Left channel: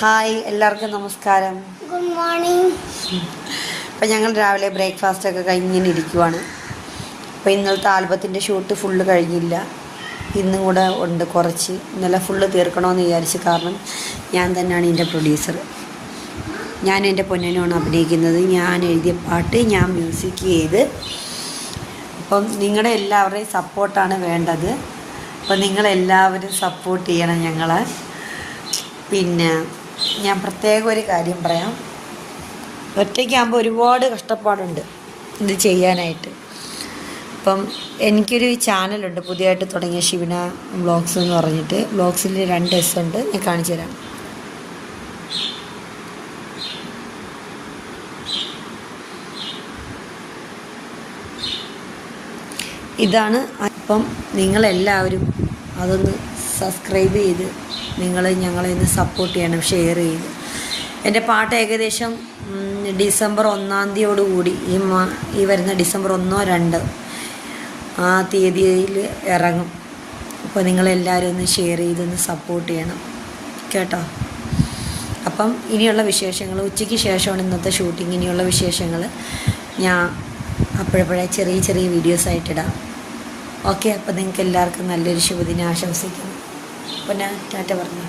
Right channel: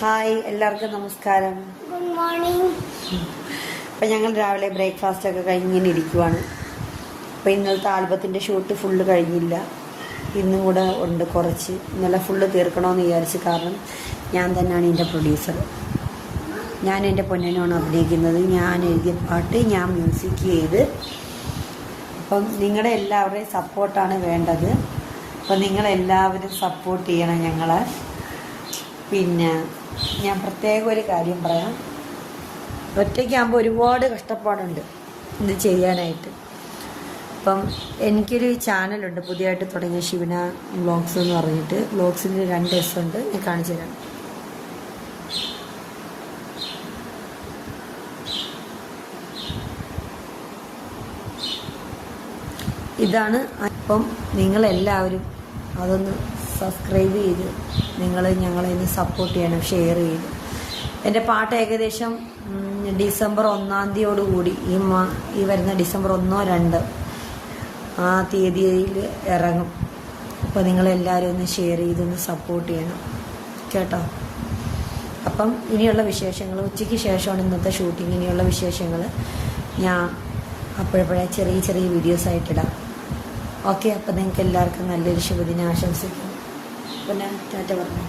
Hi, എല്ലാവർക്കും നമസ്കാരം. Good morning. അപ്പം ഞങ്ങൾ രാവിലെ ബ്രേക്ക്ഫാസ്റ്റൊക്കെ കഴിഞ്ഞിങ്ങനെ ഇരിക്കുവാണ്. അപ്പോൾ ഇന്നലത്തെ ആൽബത്തിൻ്റെ ഷൂട്ട് ഫുള്ള് കഴിഞ്ഞില്ല, ഇന്നും കൂടെ ഉണ്ട് കുറച്ച്. ഇന്നലെ ഫുള്ള് തീർക്കണമെന്ന് വിചാരിച്ച്, കാരണം ഞാൻ തന്നെയാണ് ഇതിൻ്റെ പ്രൊഡ്യൂസർ. ഞാൻ എൻ്റെ പൊന്നനുമാണ് അഭിനയിക്കുന്നത്. ഞാൻ എഴുതിയ പാട്ട് ഞാൻ മ്യൂസിക് ചെയ്ത്. അപ്പം നിങ്ങളുടെ എല്ലാവരുടെയും സപ്പോർട്ടാണ് വേണ്ടത്. അപ്പം നിങ്ങളെല്ലാവരും സപ്പോർട്ട് ചെയ്യണം ഞങ്ങളെ. പിന്നെ ഞാൻ പ്രത്യേകം ഒരു കാര്യം പറയാം. ഒറ്റയ്ക്കാകുമ്പോൾ ഒരുപാട് കഷ്ടപ്പാടുണ്ട് ഇത് ചെയ്യാനായിട്ട്. അപ്പം എനിക്കൊരു ചാനലുണ്ട് പുതിയതായിട്ട് തുടങ്ങിയ ഷിബിന വ്ളോഗ്സ് എന്ന് പറഞ്ഞിട്ട്. വ്ളോഗ്സിൽ 2 S ഉണ്ട്, ഞാൻ കാണിച്ചു തരാം. ഇതാണ്. അപ്പം നിങ്ങളെല്ലാവരും അതൊന്ന് സബ്സ്ക്രൈബ് ചെയ്ത് ഞങ്ങളെ ഇന്ന് സപ്പോർട്ട് ചെയ്യണം, ഷെയർ ചെയ്യണം. എൻ്റെ പാട്ട് ഏകദേശം ഡിസംബർ 1-ാം തീയതിയോടുകൂടി ഈ വരുന്ന ഡിസംബർ 1-ഓ 2-ഓ ആ തീയതിയിൽ ഇറങ്ങും. അപ്പോൾ നിങ്ങളെല്ലാവരും ഒന്ന് ഷെയർ ചെയ്തൊന്ന് സപ്പോർട്ട് ചെയ്യണം കേട്ടോ. അപ്പം ഇനിയുള്ള വിശേഷങ്ങൾ ഉച്ചയ്ക്ക് ശേഷമാണ് ഇന്നത്തെ ഷൂട്ടിങ്. ഇനിയുള്ള വിശേഷങ്ങൾ ഞാൻ അപ്പോഴപ്പോഴേ ചെറിയ ചെറിയ വീഡിയോസായിട്ടിടാം. ഓക്കെ. അപ്പോൾ നിങ്ങൾക്ക് എല്ലാവർക്കും നല്ലൊരു ശുഭദിനം ആശംസിക്കുന്നു. പിന്നെ ടാറ്റ പറഞ്ഞു.